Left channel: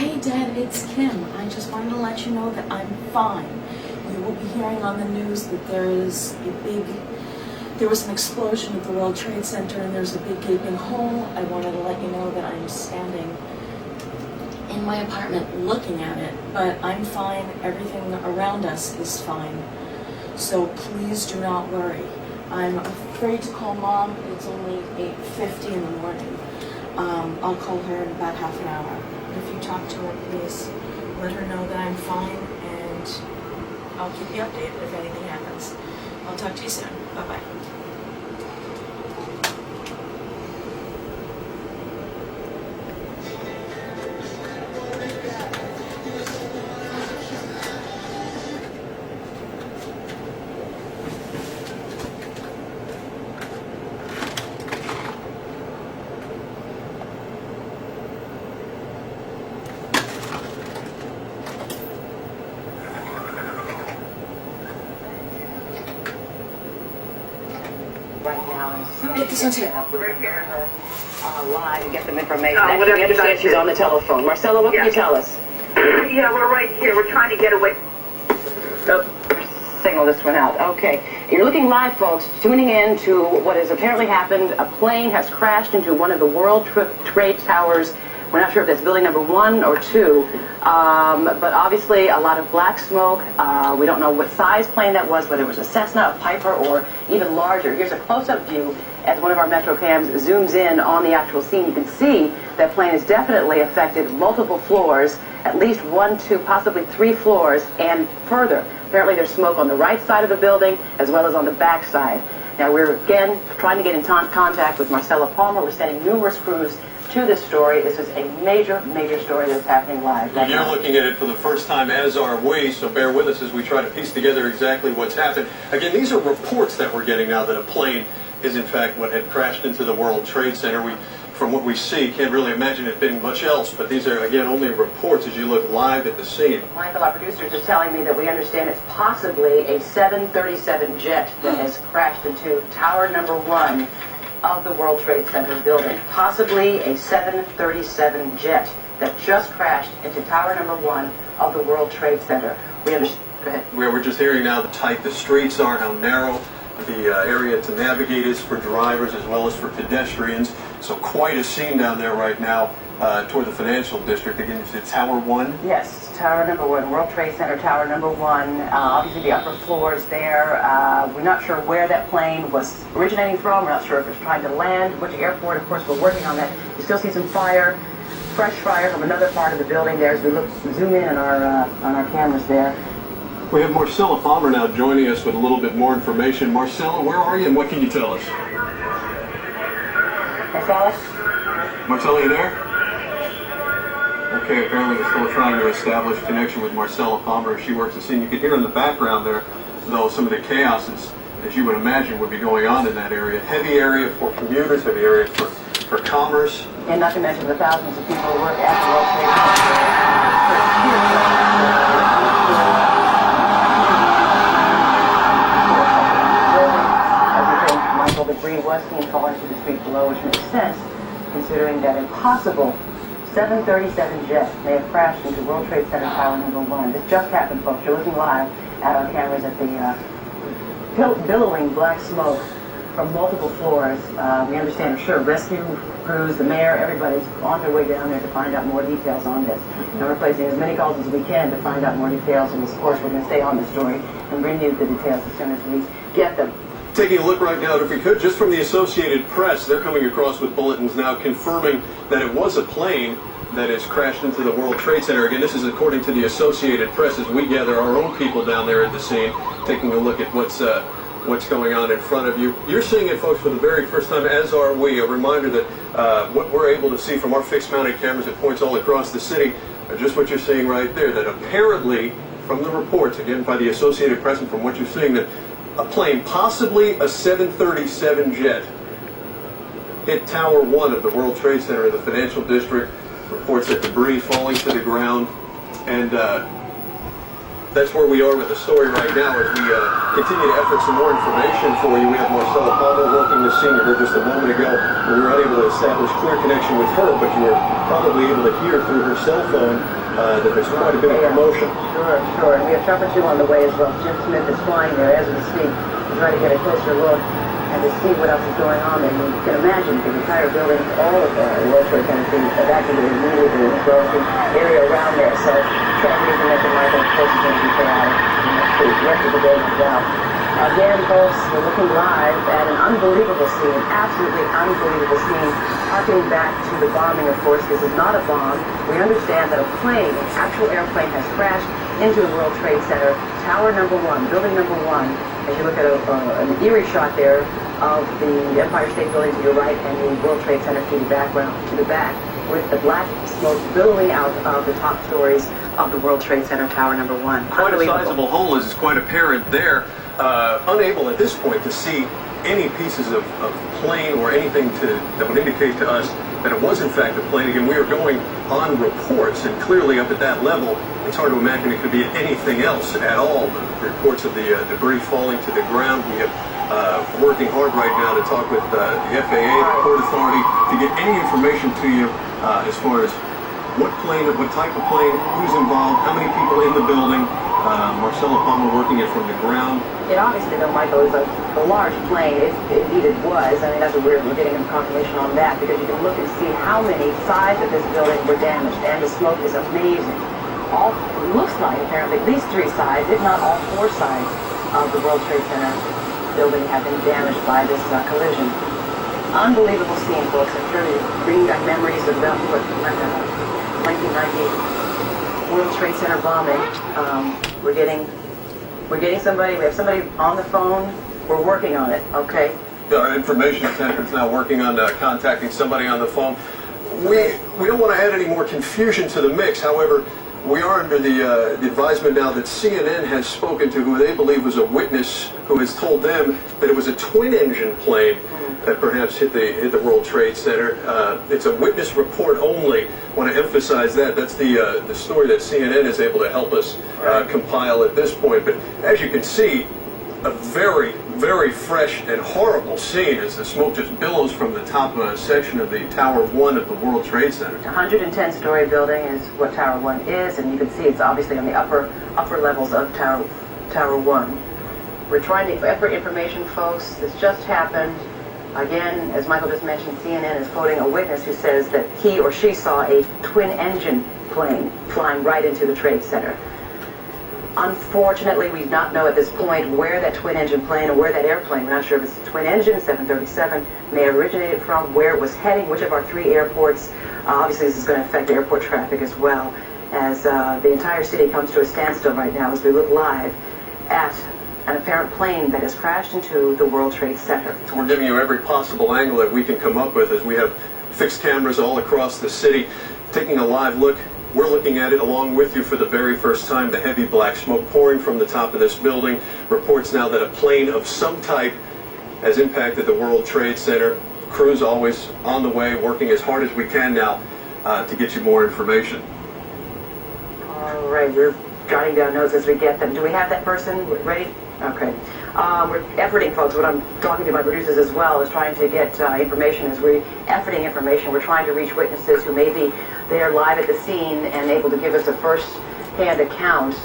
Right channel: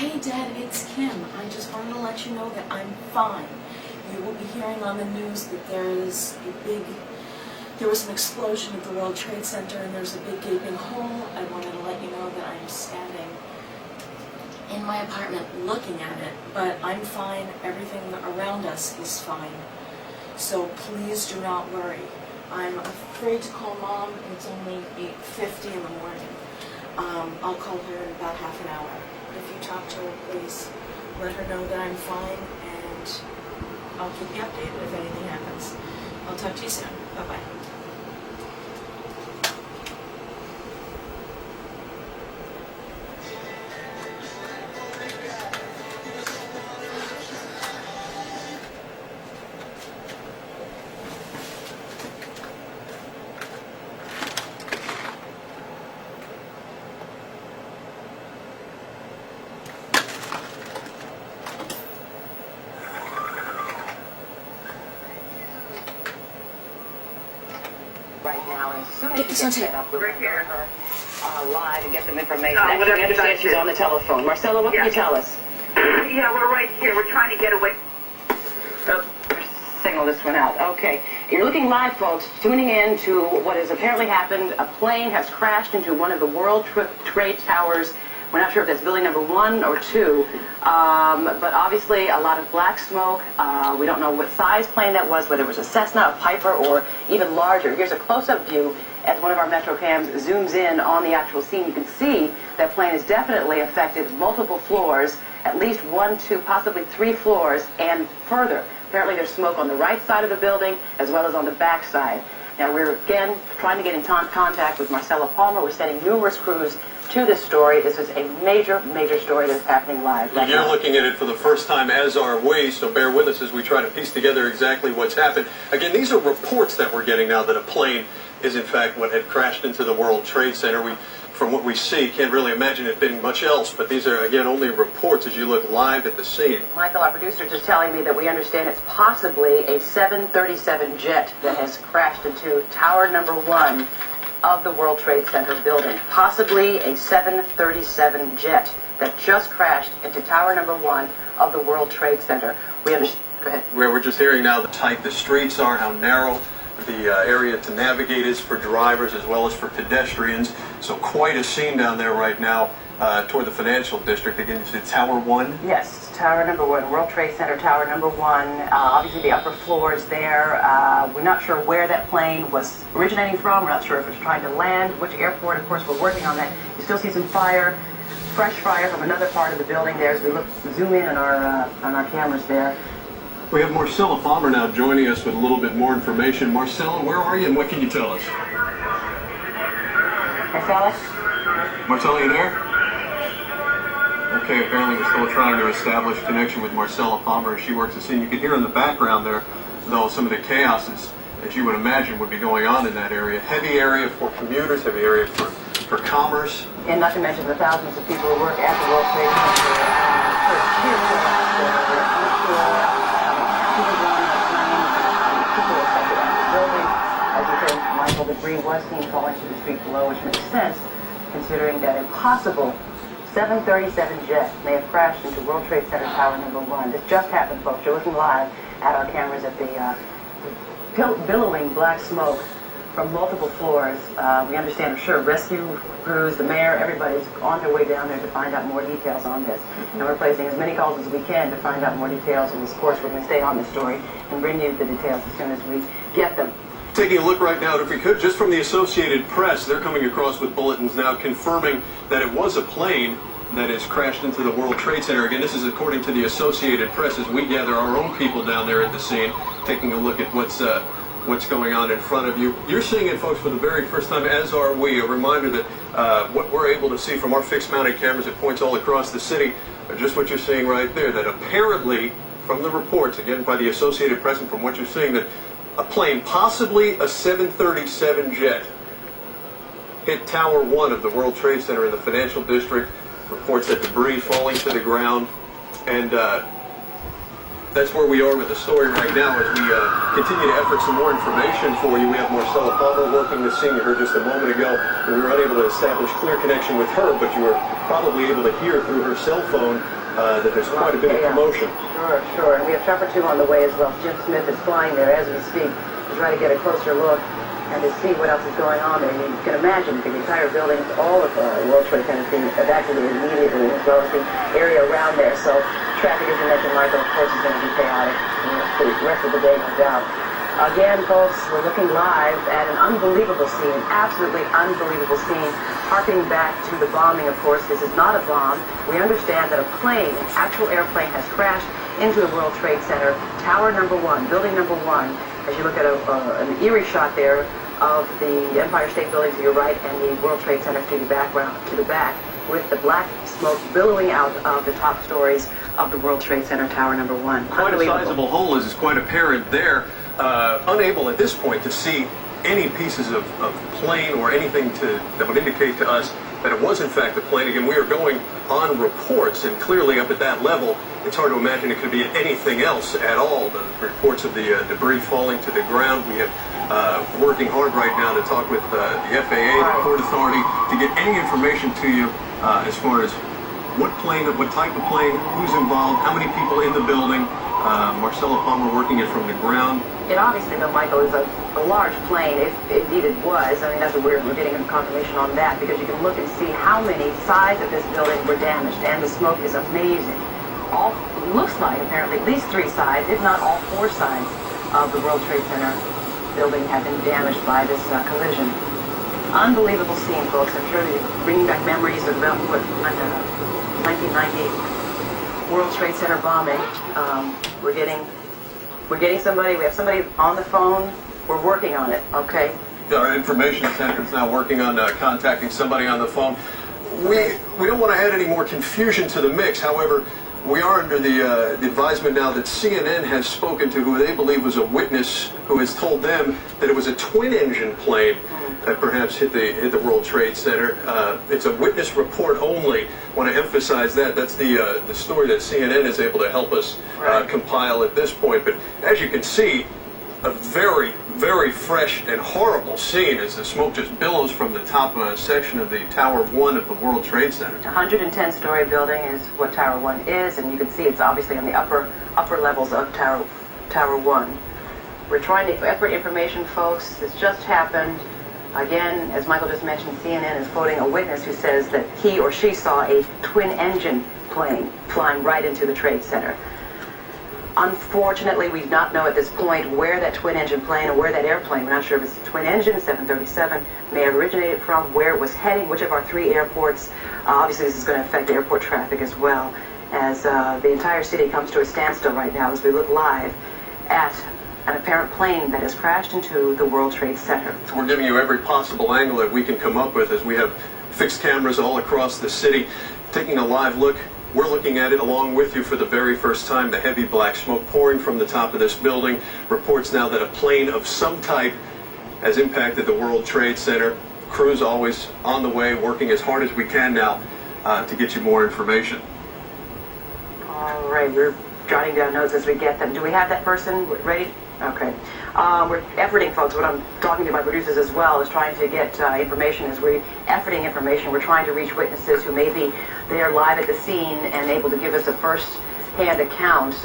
Hey Dad, it's Kim. I just wanted to let you know that I'm fine. You will be hearing on the news that there was an explosion at the World Trade Center and there's a big gaping hole. I wanted to let you know that I'm standing in my apartment looking at it, but I'm fine. Everything around us is fine. So please do not worry. I'm afraid to call Mom. It's only 8:50 in the morning. I'll call her in about half an hour. If you talk to her, please let her know that I'm fine, and I'll keep you updated if anything happens. I'll talk to you soon. Bye-bye. Right now, and as soon Get as this on she tape. gets up, we'll get her live and get some information. Whatever Actually, we you understand guys she's do. on the telephone. Marcella, what can you tell us? Yeah, we're right here. We're trying to get away. Oh, signal this one out. Okay. You're looking live, folks, tuning in to what has apparently happened. A plane has crashed into one of the World Trade Towers. We're not sure if that's building number 1 or 2, but obviously a lot of black smoke. We don't know what size plane that was, whether it was a Cessna, a Piper, or even larger. Here's a close-up view as one of our Metro cams zooms in on the actual scene. You can see that plane has definitely affected multiple floors, at least 1, 2, possibly 3 floors, and further. Apparently there's smoke on the right side of the building as well as on the back side. Now we're again trying to get in contact with Marcella Palmer. We're sending numerous crews to this story. This is a major, major story that's happening live. Right You're looking at it for the first time, as are we, so bear with us as we try to piece together exactly what's happened. Again, these are reports that we're getting now that a plane is in fact what had crashed into the World Trade Center. We, from what we see, can't really imagine it being much else, but these are, again, only reports as you look live at the scene. Michael, our producer, is just telling me that we understand it's possibly a 737 jet that has crashed into tower number 1 of the World Trade Center building. Possibly a 737 jet that just crashed into tower number 1 of the World Trade Center. We understand. Go ahead. We're just hearing now the tight the streets are, how narrow the area to navigate is for drivers as well as for pedestrians. So quite a scene down there right now toward the financial district. Again, you said Tower 1? Yes, tower number 1, World Trade Center, tower number 1. Obviously the upper floors there. We're not sure where that plane was originating from. We're not sure if it's trying to land, which airport. Of course, we're working on that. You still see some fire, fresh fire from another part of the building there as we zoom in on our cameras there. We have Marcella Palmer now joining us with a little bit more information. Marcella, where are you and what can you tell us? Marcella? Marcella, you there? Okay, apparently we're still trying to establish connection with Marcella Palmer as she works the scene. You can hear in the background there, though, some of the chaoses that you would imagine would be going on in that area. Heavy area for commuters, heavy area for commerce. And not to mention the thousands of people who work at the World Trade Center. Debris was seen falling to the street below, which makes sense considering that a possible 737 jet may have crashed into World Trade Center Tower number 1. This just happened, folks. You're looking live at our cameras at the billowing black smoke from multiple floors. We understand, I'm sure, rescue crews, the mayor, everybody's on their way down there to find out more details on this. And we're placing as many calls as we can to find out more details, and of course we're going to stay on this story and bring you the details as soon as we get them. Taking a look right now, if we could, just from the Associated Press, they're coming across with bulletins now confirming that it was a plane that has crashed into the World Trade Center. Again, this is according to the Associated Press as we gather our own people down there at the scene, taking a look at what's going on in front of you. You're seeing it, folks, for the very first time, as are we. A reminder that what we're able to see from our fixed-mounted cameras at points all across the city are just what you're seeing right there, that apparently, from the reports, again, by the Associated Press and from what you're seeing, that a plane, possibly a 737 jet, hit Tower 1 of the World Trade Center in the financial district. Reports that debris falling to the ground. And that's where we are with the story right now as we continue to effort some more information for you. We have Marcella Palmer working the scene. You heard just a moment ago. We were unable to establish clear connection with her, but you were probably able to hear through her cell phone that there's quite a bit of commotion. Sure. And we have Trapper 2 on the way as well. Jim Smith is flying there as we speak to try to get a closer look and to see what else is going on there. You can imagine the entire building, all of the World Trade Center being evacuated immediately, as well as the area around there. So traffic, as you mentioned, Michael, of course, is going to be chaotic for the rest of the day, no doubt. Again, folks, we're looking live at an unbelievable scene, absolutely unbelievable scene, harkening back to the bombing, of course. This is not a bomb. We understand that a plane, an actual airplane, has crashed into the World Trade Center, tower number 1, building number 1. As you look at an eerie shot there of the Empire State Building to your right and the World Trade Center to the background, to the back, with the black smoke billowing out of the top stories of the World Trade Center, tower number 1. Quite a sizable hole is quite apparent there. Unable at this point to see any pieces of plane or anything that would indicate to us that it was in fact a plane. Again, we are going on reports, and clearly up at that level, it's hard to imagine it could be anything else at all. The reports of the debris falling to the ground. We have working hard right now to talk with the FAA, the Port Authority, to get any information to you as far as what plane, what type of plane, who's involved, how many people in the building. Marcella Palmer working it from the ground. It obviously, though, Michael, is a large plane. Indeed it was. I mean, that's what we're getting a confirmation on that, because you can look and see how many sides of this building were damaged, and the smoke is amazing. All looks like, apparently, at least 3 sides, if not all 4 sides of the World Trade Center building have been damaged by this collision. Unbelievable scene, folks. I'm sure you're bringing back memories of the 1990 World Trade Center bombing. We're getting somebody. We have somebody on the phone. We're working on it. Okay. Our information center is now working on contacting somebody on the phone. We don't want to add any more confusion to the mix. However, we are under the advisement now that CNN has spoken to who they believe was a witness who has told them that it was a twin-engine plane that perhaps hit the World Trade Center. It's a witness report only. I want to emphasize that. That's the story that CNN is able to help us compile at this point. But as you can see, a very, very fresh and horrible scene as the smoke just billows from the top section of the Tower 1 of the World Trade Center. 110-story building is what Tower 1 is, and you can see it's obviously on the upper levels of Tower 1. We're trying to effort information, folks. This just happened. Again, as Michael just mentioned, CNN is quoting a witness who says that he or she saw a twin-engine plane flying right into the Trade Center. Unfortunately, we do not know at this point where that twin-engine plane or where that airplane, we're not sure if it's a twin-engine, 737, may have originated from, where it was heading, which of our 3 airports. Obviously, this is going to affect airport traffic as well, as the entire city comes to a standstill right now as we look live at an apparent plane that has crashed into the World Trade Center. So we're giving you every possible angle that we can come up with as we have fixed cameras all across the city, taking a live look. We're looking at it along with you for the very first time, the heavy black smoke pouring from the top of this building. Reports now that a plane of some type has impacted the World Trade Center. Crews always on the way, working as hard as we can now to get you more information. All right, we're jotting down notes as we get them. Do we have that person ready? Okay. We're efforting, folks. What I'm talking to my producers as well is trying to get information. As we're efforting information, we're trying to reach witnesses who may be there live at the scene and able to give us a first-hand account.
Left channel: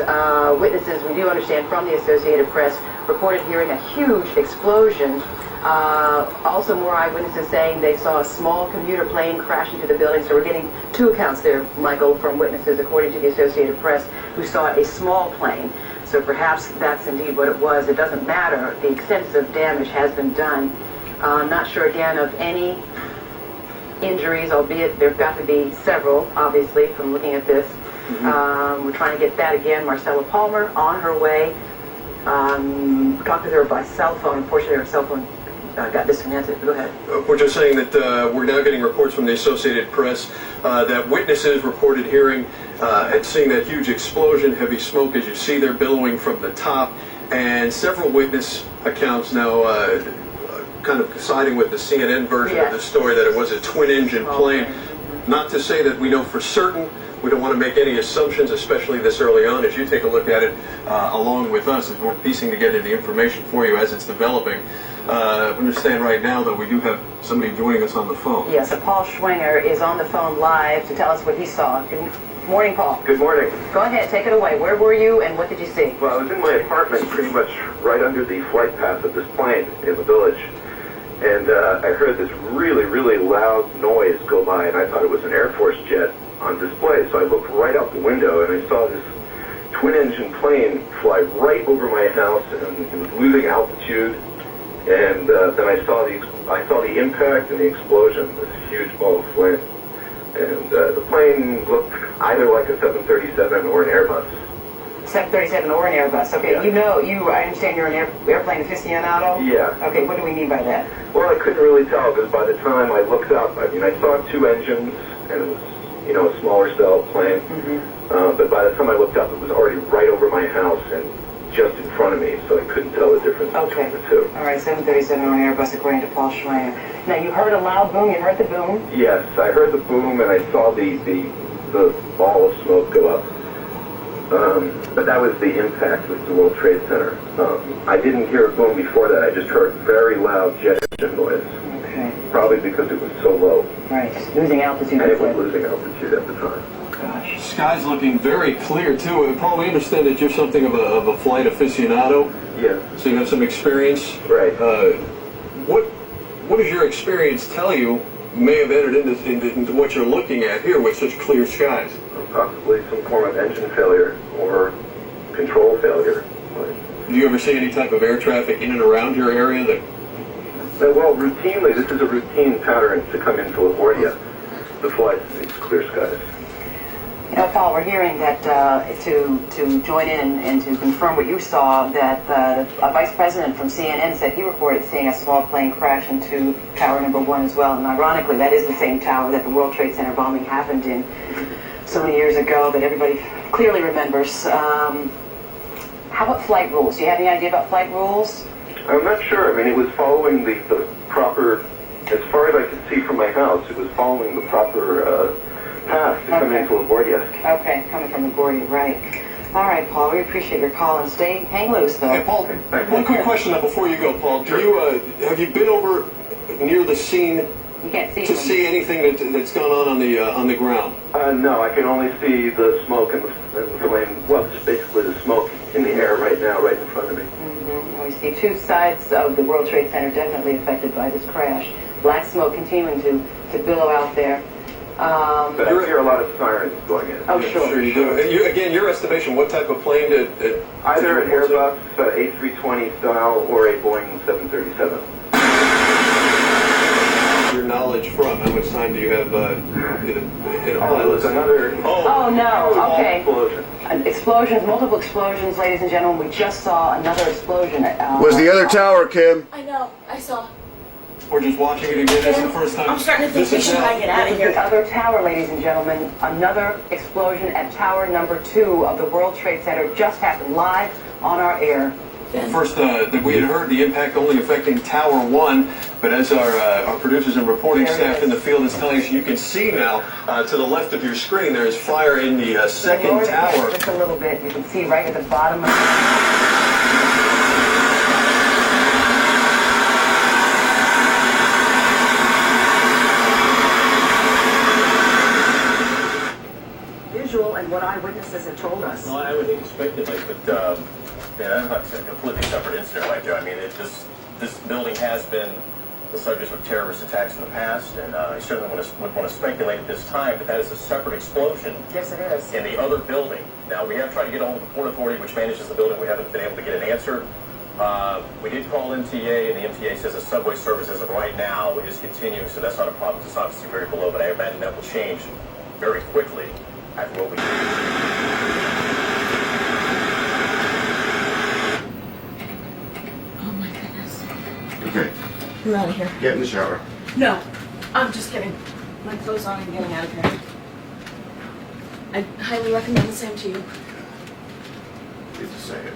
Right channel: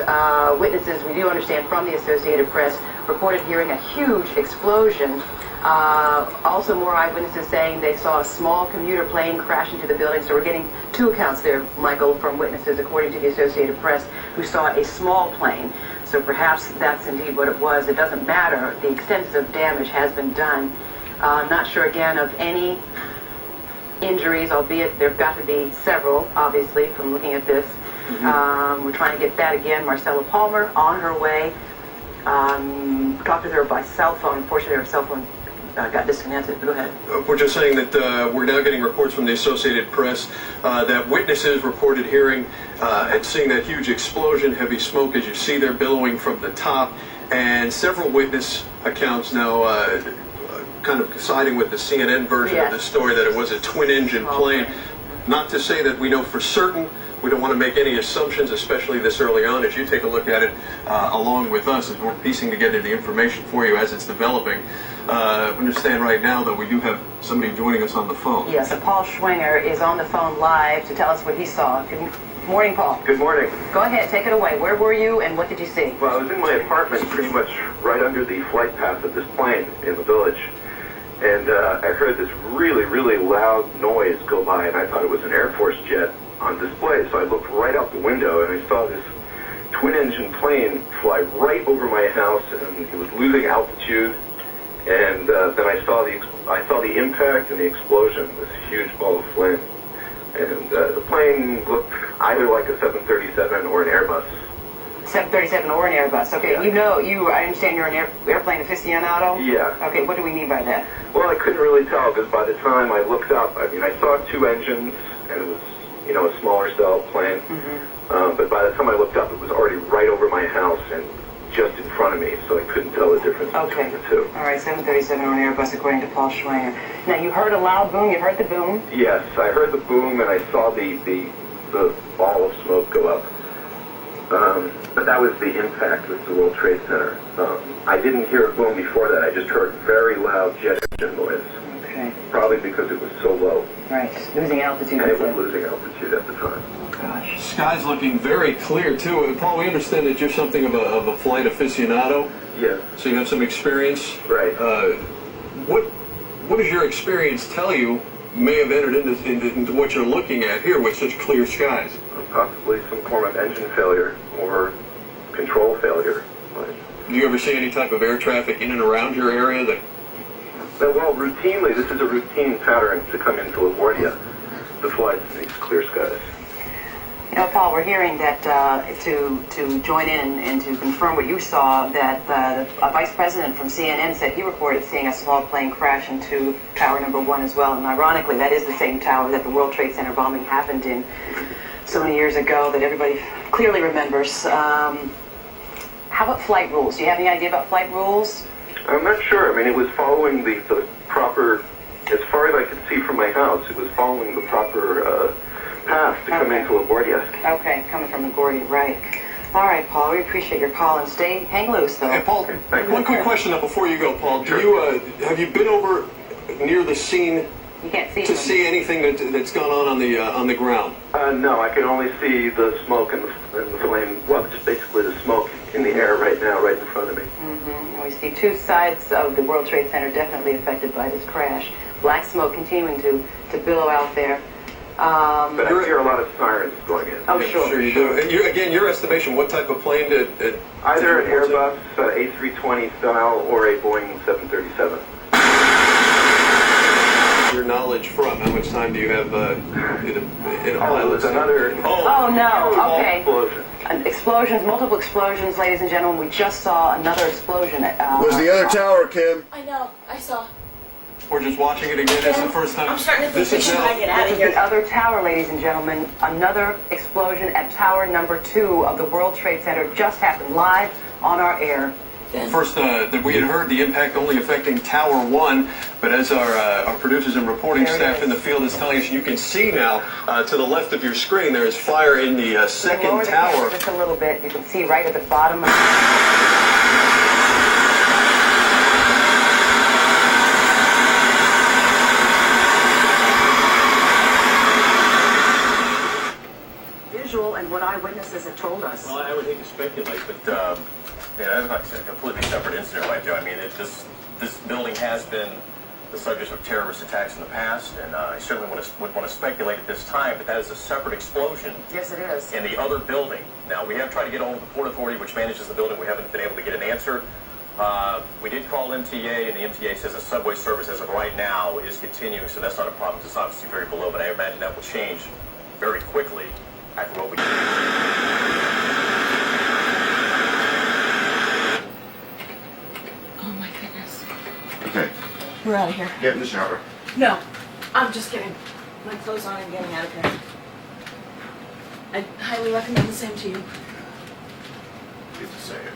Witnesses, we do understand from the Associated Press, reported hearing a huge explosion. Also, more eyewitnesses saying they saw a small commuter plane crash into the building. So we're getting 2 accounts there, Michael, from witnesses, according to the Associated Press, who saw a small plane. So perhaps that's indeed what it was. It doesn't matter. The extensive damage has been done. Not sure, again, of any injuries, albeit there have got to be several, obviously, from looking at this. We're trying to get that again. Marcella Palmer on her way. Talked to her by cell phone. Unfortunately, her cell phone got disconnected. Go ahead. We're just saying that we're now getting reports from the Associated Press that witnesses reported hearing and seeing that huge explosion, heavy smoke, as you see there billowing from the top, and several witness accounts now kind of siding with the CNN version of the story that it was a twin-engine plane. Not to say that we know for certain We don't want to make any assumptions, especially this early on, as you take a look at it along with us, as we're piecing together the information for you as it's developing. Understand right now, though, we do have somebody joining us on the phone. Yes, so Paul Schwinger is on the phone live to tell us what he saw. Good morning, Paul. Good morning. Go ahead, take it away. Where were you and what did you see? Well, I was in my apartment pretty much right under the flight path of this plane in the village. And I heard this really, really loud noise go by, and I thought it was an Air Force jet on display. So I looked right out the window, and I saw this twin-engine plane fly right over my house, and it was losing altitude. And then I saw the impact and the explosion, this huge ball of flame. And the plane looked either like a 737 or an Airbus. 737 or an Airbus. Okay, Yeah. I understand you're an airplane aficionado? Yeah. Okay, what do we mean by that? Well, I couldn't really tell because by the time I looked up, I mean, I saw two engines and it was, a smaller cell plane. Mm-hmm. But by the time I looked up, it was already right over my house and just in front of me, so I couldn't tell the difference between the two. All right, 737 or an Airbus, according to Paul Schwinger. Now, you heard a loud boom. You heard the boom. Yes, I heard the boom and I saw the ball of smoke go up. But that was the impact with the World Trade Center. I didn't hear a boom before that. I just heard very loud jet engine noise. Okay. Probably because it was so low. Right, losing altitude. And it was losing altitude at the time. Gosh. Sky's looking very clear, too. Paul, we understand that you're something of a flight aficionado. Yes. So you have some experience. Right. What does your experience tell you may have entered into what you're looking at here with such clear skies? Possibly some form of engine failure or control failure. Do you ever see any type of air traffic in and around your area that... Well, routinely, this is a routine pattern to come into LaGuardia to fly to these clear skies. Paul, we're hearing that to join in and to confirm what you saw, that a vice president from CNN said he reported seeing a small plane crash into tower number 1 as well. And ironically, that is the same tower that the World Trade Center bombing happened in so many years ago that everybody clearly remembers. How about flight rules? Do you have any idea about flight rules? I'm not sure. I mean, it was following the proper, as far as I could see from my house, it was following the proper path to come into LaGuardia. Okay, coming from LaGuardia, right. All right, Paul, we appreciate your call and hang loose, though. Hey, Paul, one quick question now before you go, Paul. Sure. Have you been over near the scene You can't see to see anything that's gone on the ground? No, I can only see the smoke and the flame. Well, it's basically the smoke in the air right now, right in front of me. Mm-hmm. We see two sides of the World Trade Center definitely affected by this crash. Black smoke continuing to billow out there. But I hear a lot of sirens going in. Oh, sure. Sure you do. And again, your estimation, what type of plane did... Either an Airbus A320 style or a Boeing 737. Your knowledge from? How much time do you have in a pilot? It was another... Oh, no. Okay. Explosion. Explosions, multiple explosions, ladies and gentlemen. We just saw another explosion. Was the other tower, Kim? I know, I saw. We're just watching it again. That's the first time. I'm starting to think we should probably get out of The here. other tower, ladies and gentlemen, another explosion at tower number 2 of the World Trade Center just happened live on our air. First, that we had heard the impact only affecting Tower 1, but as our producers and reporting staff in the field is telling us, you can see now to the left of your screen there is fire in the second Lower the tower. camera just a little bit. You can see right at the bottom of visual and what eyewitnesses have told us. Well, I would hate to speculate, but that's a completely separate incident right there. I mean, this building has been the subject of terrorist attacks in the past, and I certainly would want to speculate at this time, but that is a separate explosion. Yes, it is. In the other building. Now, we have tried to get hold of the Port Authority, which manages the building. We haven't been able to get an answer. We did call MTA, and the MTA says the subway service as of right now is continuing, so that's not a problem. It's obviously very below, but I imagine that will change very quickly after what we... Oh my goodness. Okay, We're out of here. get in the shower. No, I'm just kidding. My clothes on and getting out of here. I highly recommend the same to you. Hate to say it.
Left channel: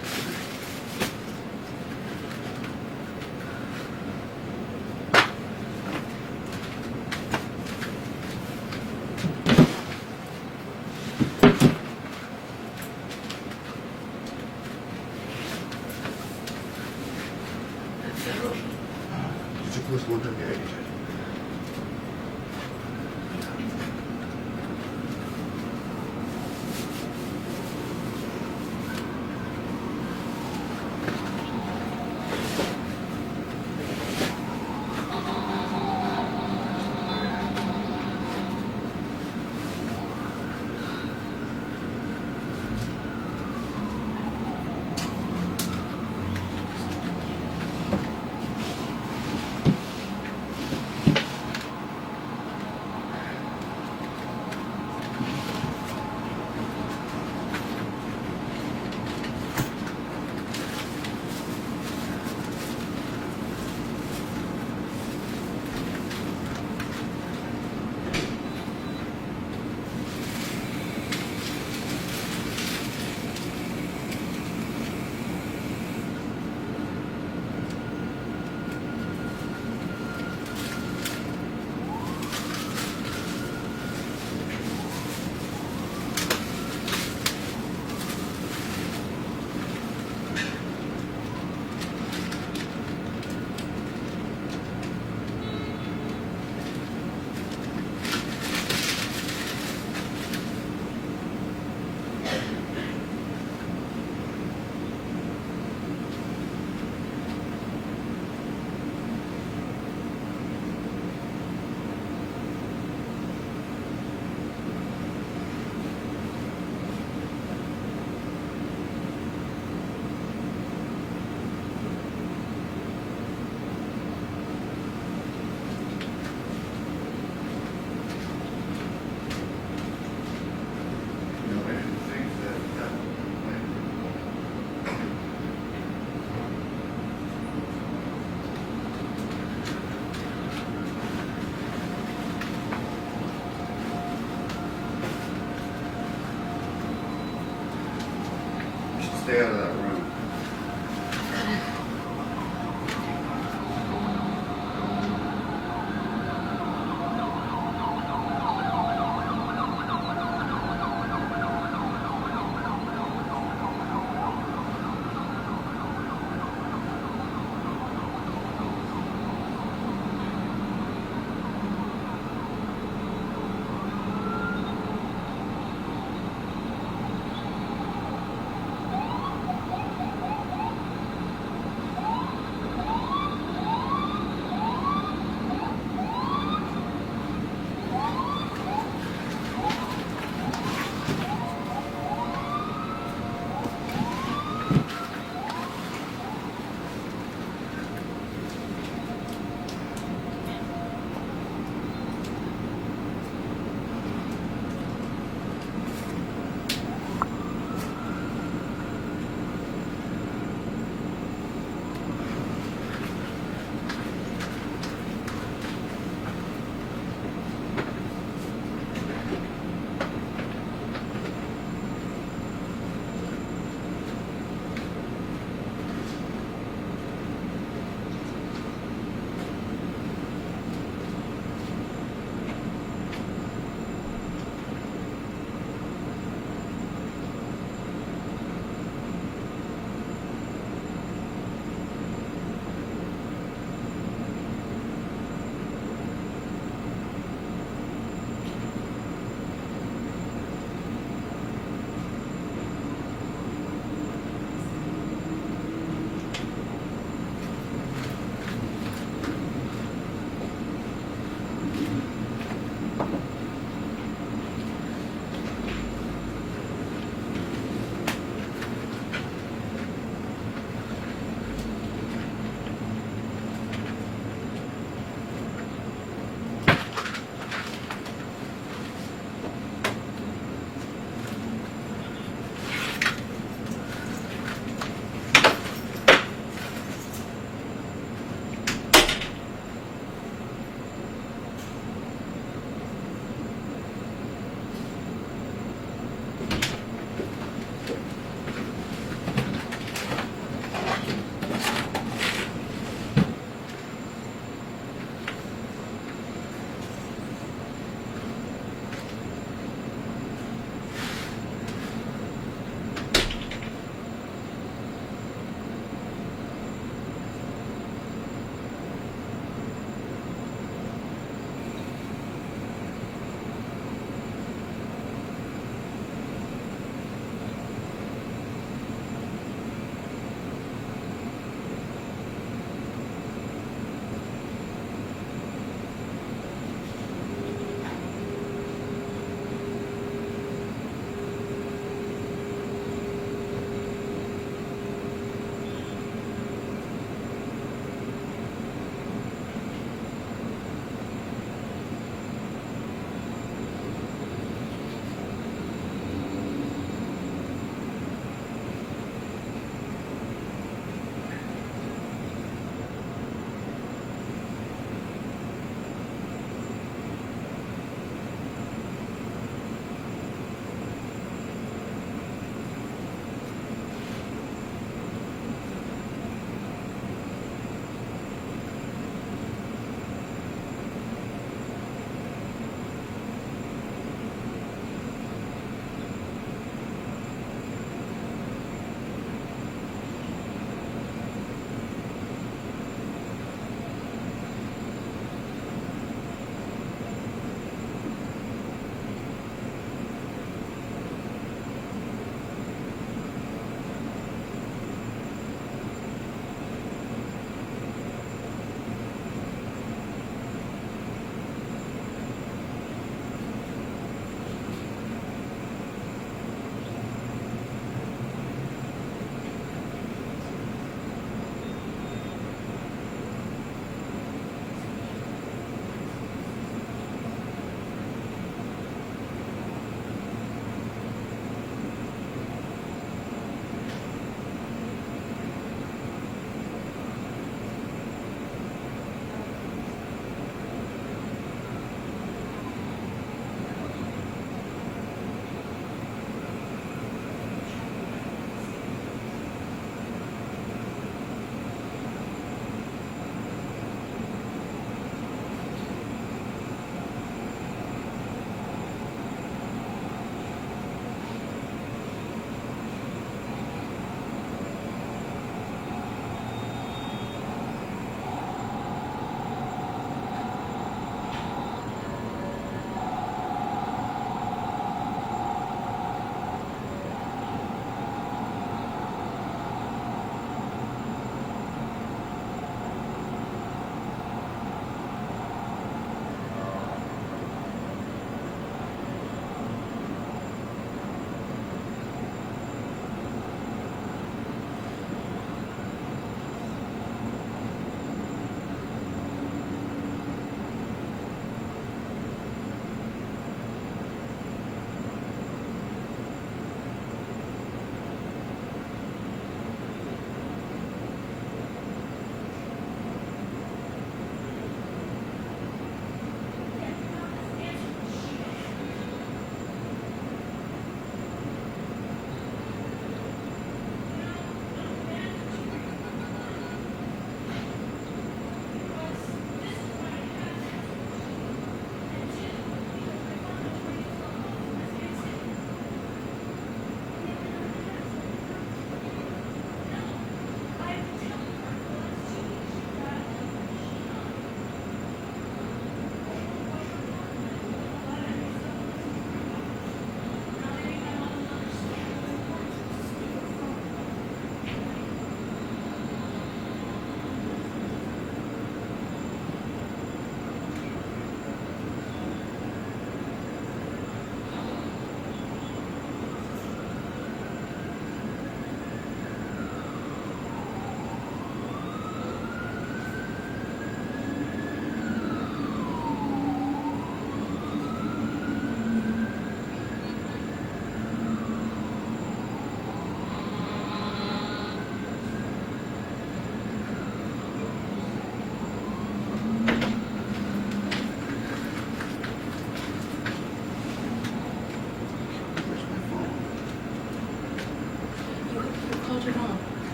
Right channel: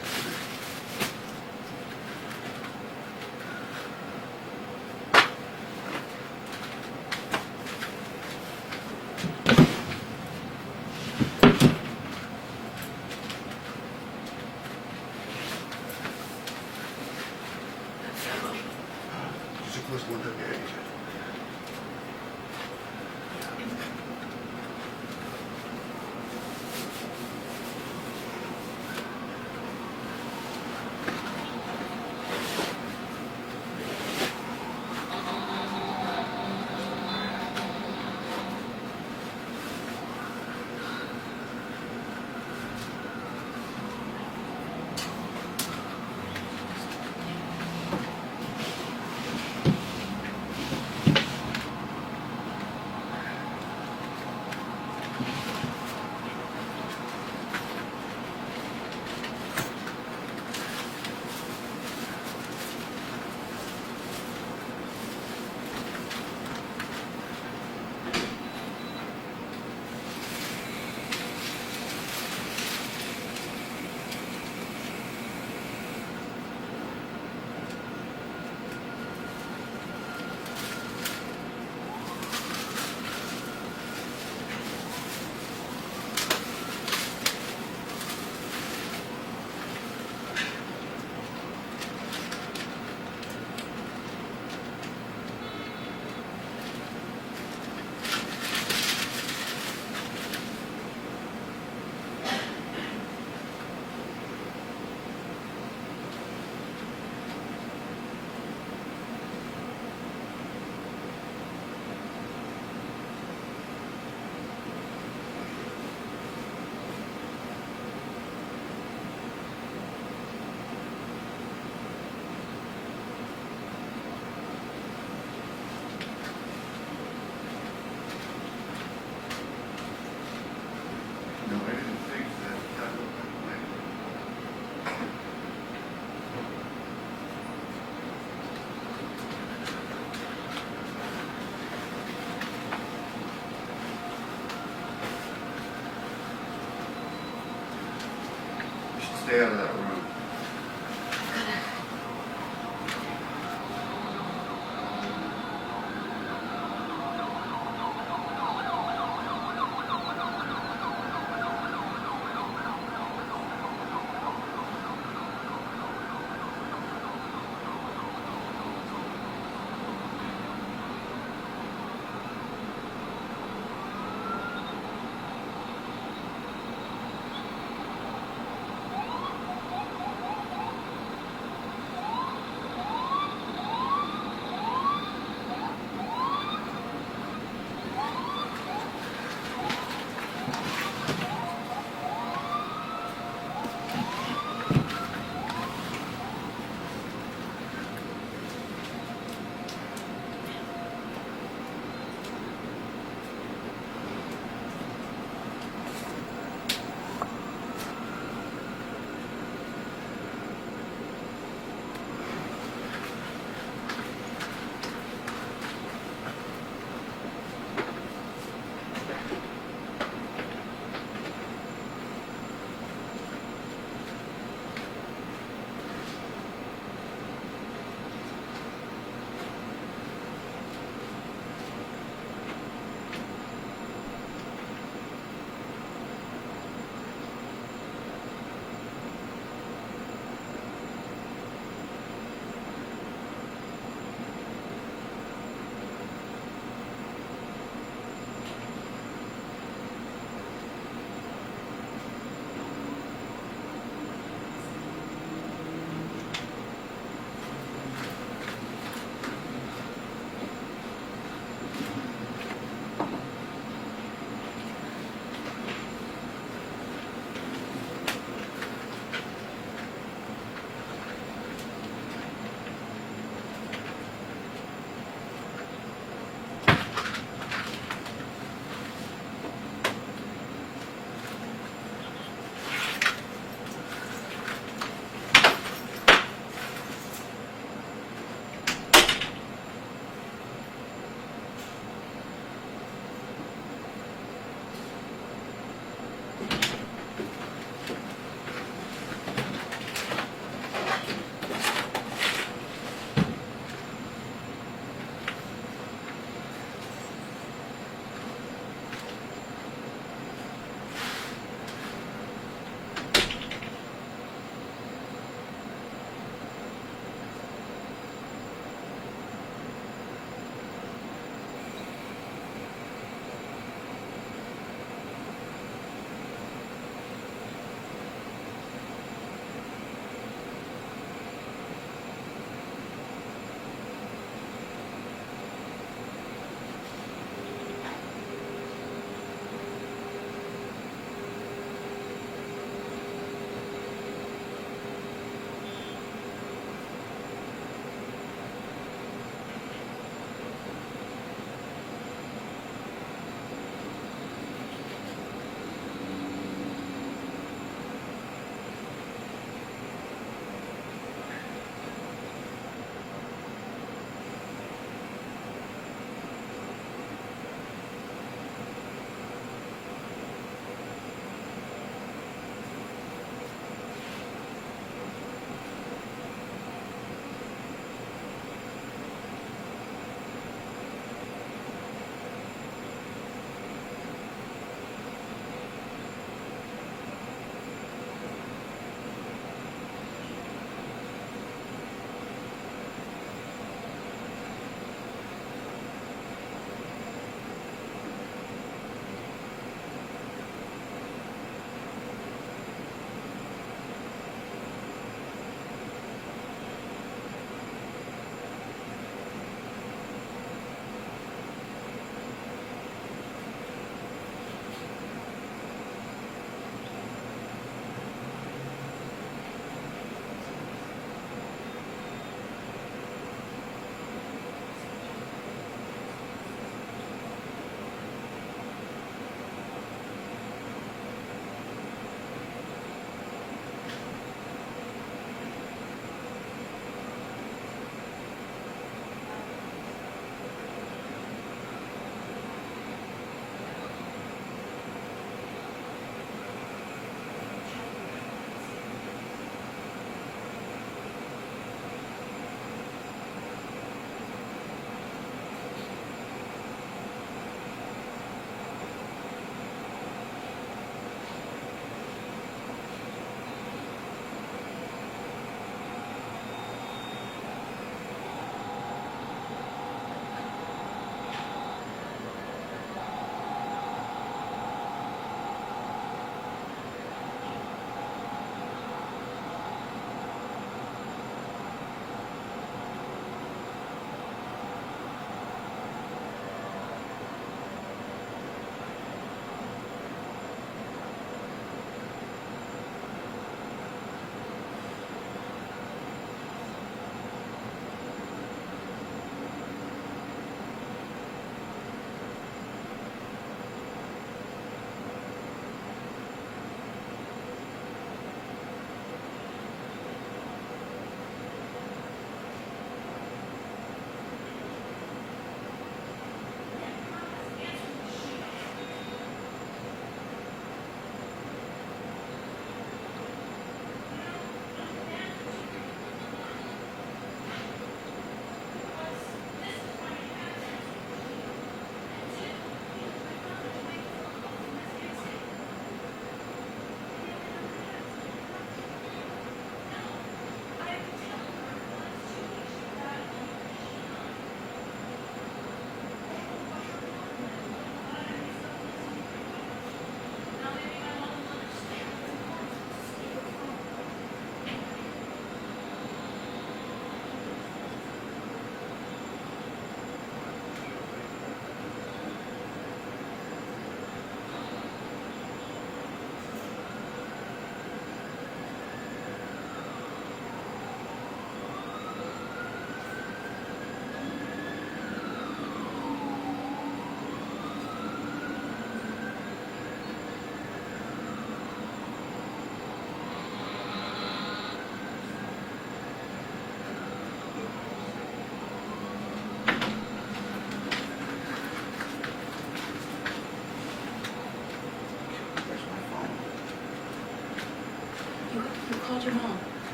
stay out of that.